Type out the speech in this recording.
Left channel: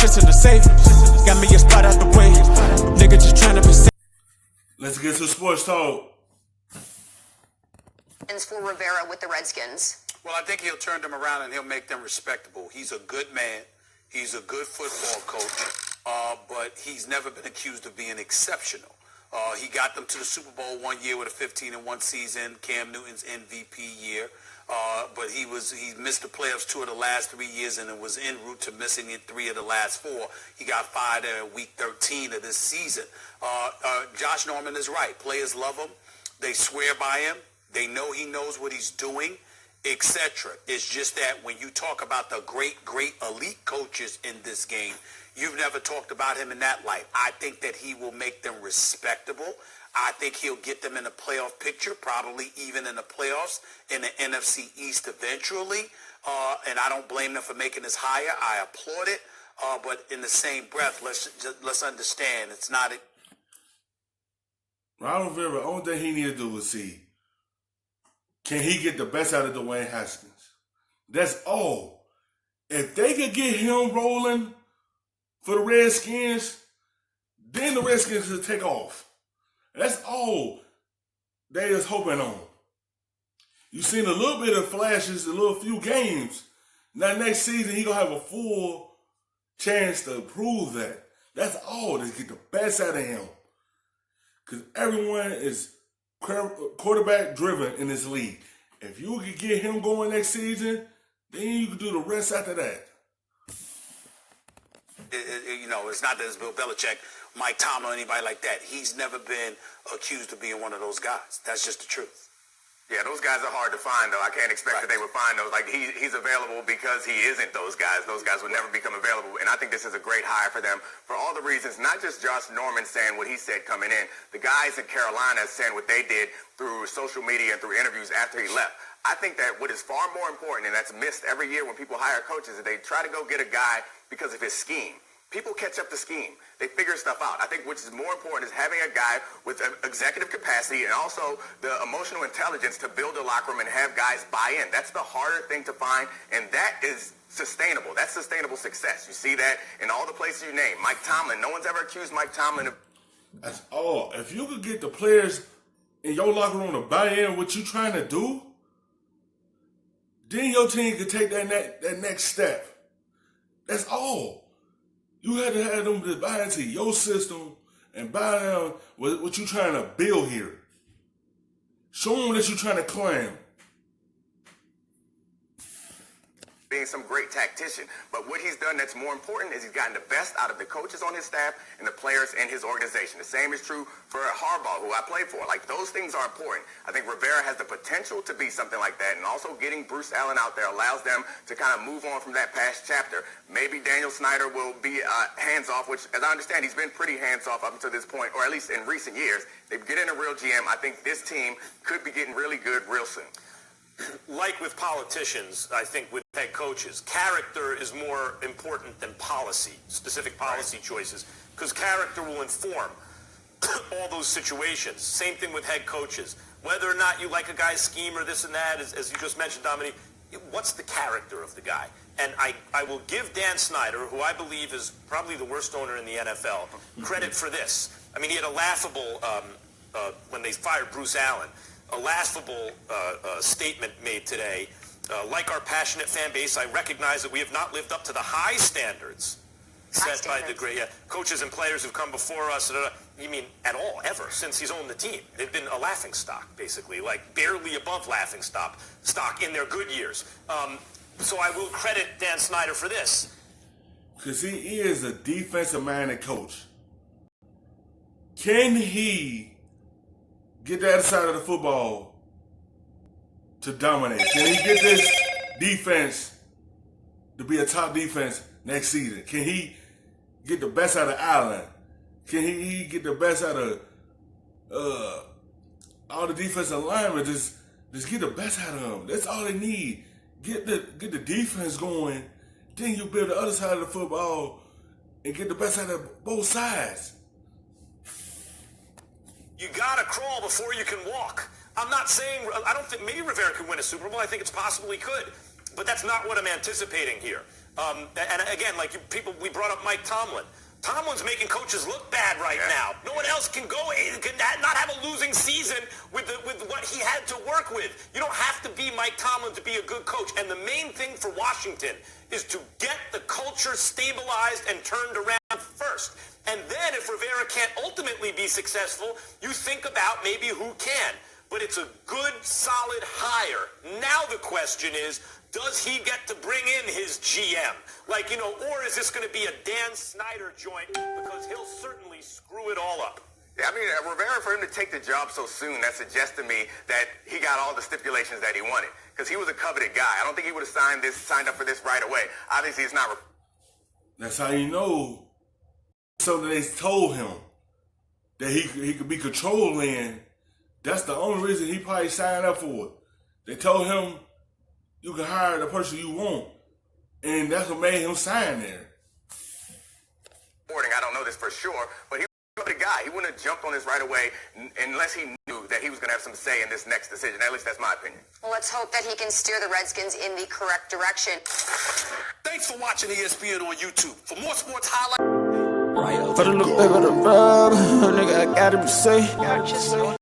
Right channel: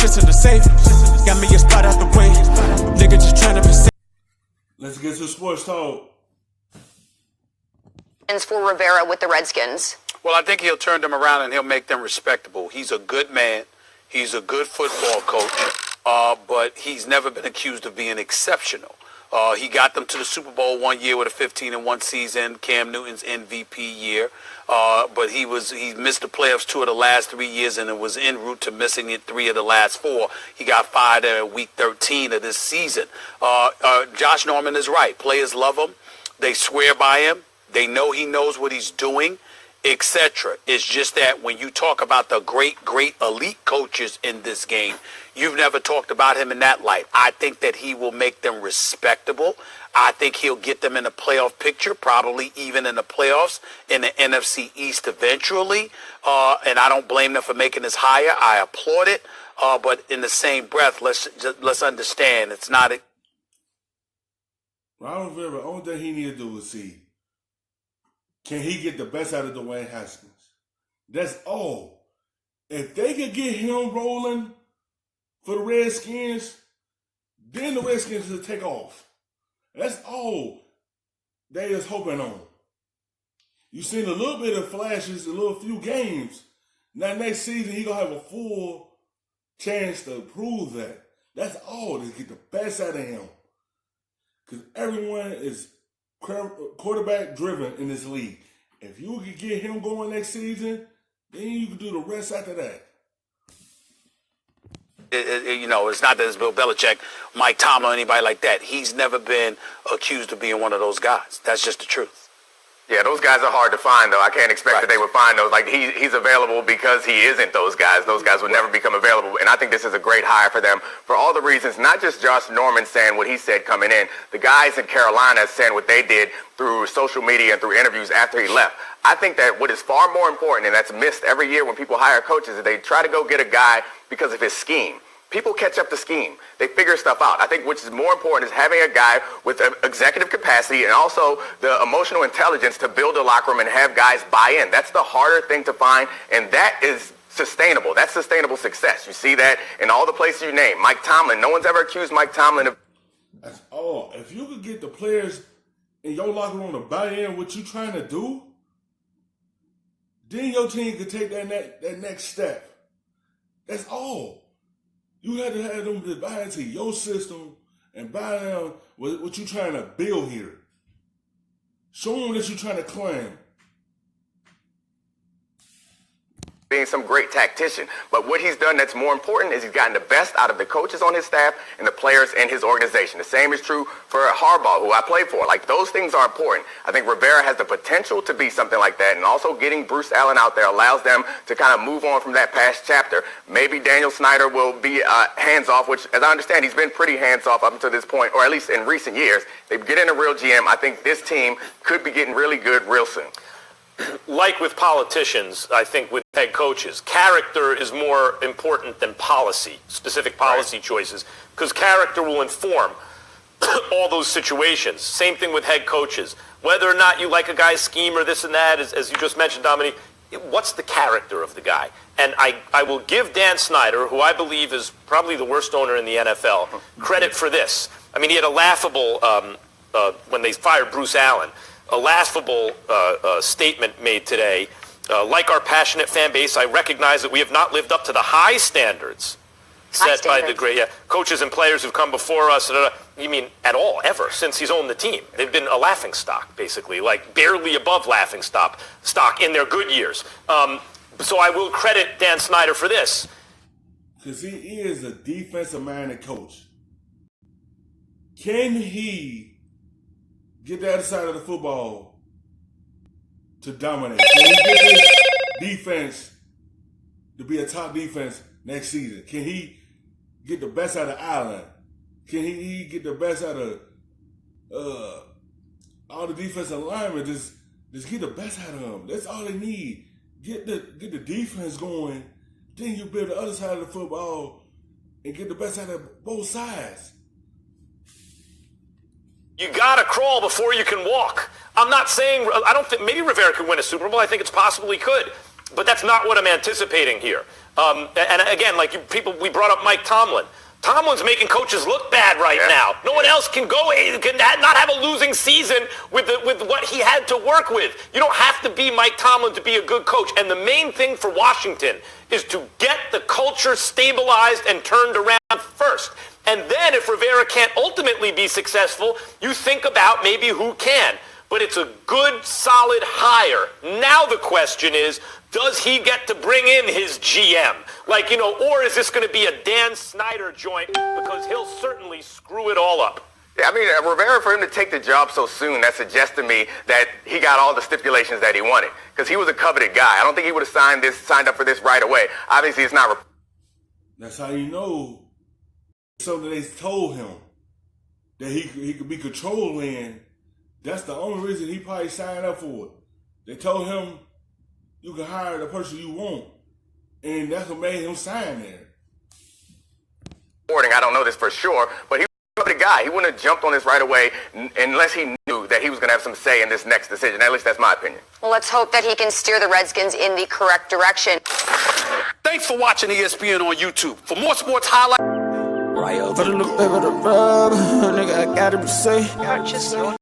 shit's in the safe. Got me a spot out the way. Nigga just tryna be safe. Let's get to sports talk. For Rivera with the Redskins. Well, I think he'll turn them around and he'll make them respectable. He's a good man. He's a good football coach, but he's never been accused of being exceptional. He got them to the Super Bowl one year with a 15-1 season, Cam Newton's MVP year. But he missed the playoffs 2 of the last 3 years, and it was en route to missing it 3 of the last 4. He got fired at week 13 of this season. Josh Norman is right. Players love him. They swear by him. They know he knows what he's doing, etc. It's just that when you talk about the great elite coaches in this game, you've never talked about him in that light. I think that he will make them respectable. I think he'll get them in the playoff picture, probably even in the playoffs in the NFC East eventually. And I don't blame them for making this higher. I applaud it. But in the same breath, let's understand it's not a... Ron Rivera, the only thing he need to do is see, can he get the best out of Dwayne Haskins? That's all. If they could get him rolling for the Redskins, then the Redskins will take off. That's all they is hoping on. You've seen a little bit of flashes, a little few games. Now next season, he going to have a full chance to prove that. That's all, to get the best out of him. Because everyone is quarterback driven in this league. If you could get him going next season, then you can do the rest after that. It's not that it's Bill Belichick, Mike Tomlin, anybody like that. He's never been accused of being one of those guys. That's just the truth. Yeah, those guys are hard to find, though. I can't expect that they would find those. Like, he's available because he isn't those guys. Those guys would never become available. And I think this is a great hire for them for all the reasons, not just Josh Norman saying what he said coming in. The guys in Carolina saying what they did through social media and through interviews after he left. I think that what is far more important, and that's missed every year when people hire coaches, is they try to go get a guy because of his scheme. People catch up to scheme. They figure stuff out. I think which is more important is having a guy with executive capacity and also the emotional intelligence to build a locker room and have guys buy in. That's the harder thing to find, and that is sustainable. That's sustainable success. You see that in all the places you name. Mike Tomlin. No one's ever accused Mike Tomlin of... That's all. If you could get the players in your locker room to buy in what you're trying to do, then your team could take that next step. That's all. You had to have them to buy into your system and buy down what you're trying to build here. Show them that you're trying to climb. Being some great tactician. But what he's done that's more important is he's gotten the best out of the coaches on his staff and the players in his organization. The same is true for Harbaugh, who I played for. Like, those things are important. I think Rivera has the potential to be something like that, and also getting Bruce Allen out there allows them to kind of move on from that past chapter. Maybe Daniel Snyder will be hands-off, which, as I understand, he's been pretty hands-off up until this point, or at least in recent years. They get in a real GM. I think this team could be getting really good real soon. Like with politicians, I think with head coaches, character is more important than policy, specific policy choices, because character will inform all those situations. Same thing with head coaches. Whether or not you like a guy's scheme or this and that, as you just mentioned, Dominique, what's the character of the guy? And I will give Dan Snyder, who I believe is probably the worst owner in the NFL, credit for this. I mean, he had a laughable, when they fired Bruce Allen, a laughable statement made today. Like our passionate fan base, I recognize that we have not lived up to the high standards set by the great coaches and players who've come before us. You mean at all, ever, since he's owned the team? They've been a laughing stock, basically, like barely above laughing stock in their good years. So I will credit Dan Snyder for this. Because he is a defensive-minded coach. Can he get the other side of the football to dominate? Can he get this defense to be a top defense next season? Can he get the best out of Allen? Can he get the best out of all the defensive linemen? Just get the best out of them. That's all they need. Get the defense going. Then you build the other side of the football and get the best out of both sides. You gotta crawl before you can walk. I'm not saying, I don't think, maybe Rivera could win a Super Bowl. I think it's possible he could. But that's not what I'm anticipating here. And again, we brought up Mike Tomlin. Tomlin's making coaches look bad right now. No one else can not have a losing season with what he had to work with. You don't have to be Mike Tomlin to be a good coach. And the main thing for Washington is to get the culture stabilized and turned around first. And then if Rivera can't ultimately be successful, you think about maybe who can. But it's a good, solid hire. Now the question is, does he get to bring in his GM? Or is this going to be a Dan Snyder joint? Because he'll certainly screw it all up. Yeah, I mean, Rivera, for him to take the job so soon, that suggests to me that he got all the stipulations that he wanted. Because he was a coveted guy. I don't think he would have signed up for this right away. Obviously, it's not. That's how you know. So they told him that he could be controlling. That's the only reason he probably signed up for it. They told him you can hire the person you want. And that's what made him sign there. I don't know this for sure, but he was the guy. He wouldn't have jumped on this right away unless he knew that he was going to have some say in this next decision. At least that's my opinion. Well, let's hope that he can steer the Redskins in the correct direction. Thanks for watching ESPN on YouTube. For more sports highlights. For the little bit of the rub, nigga, I gotta be safe.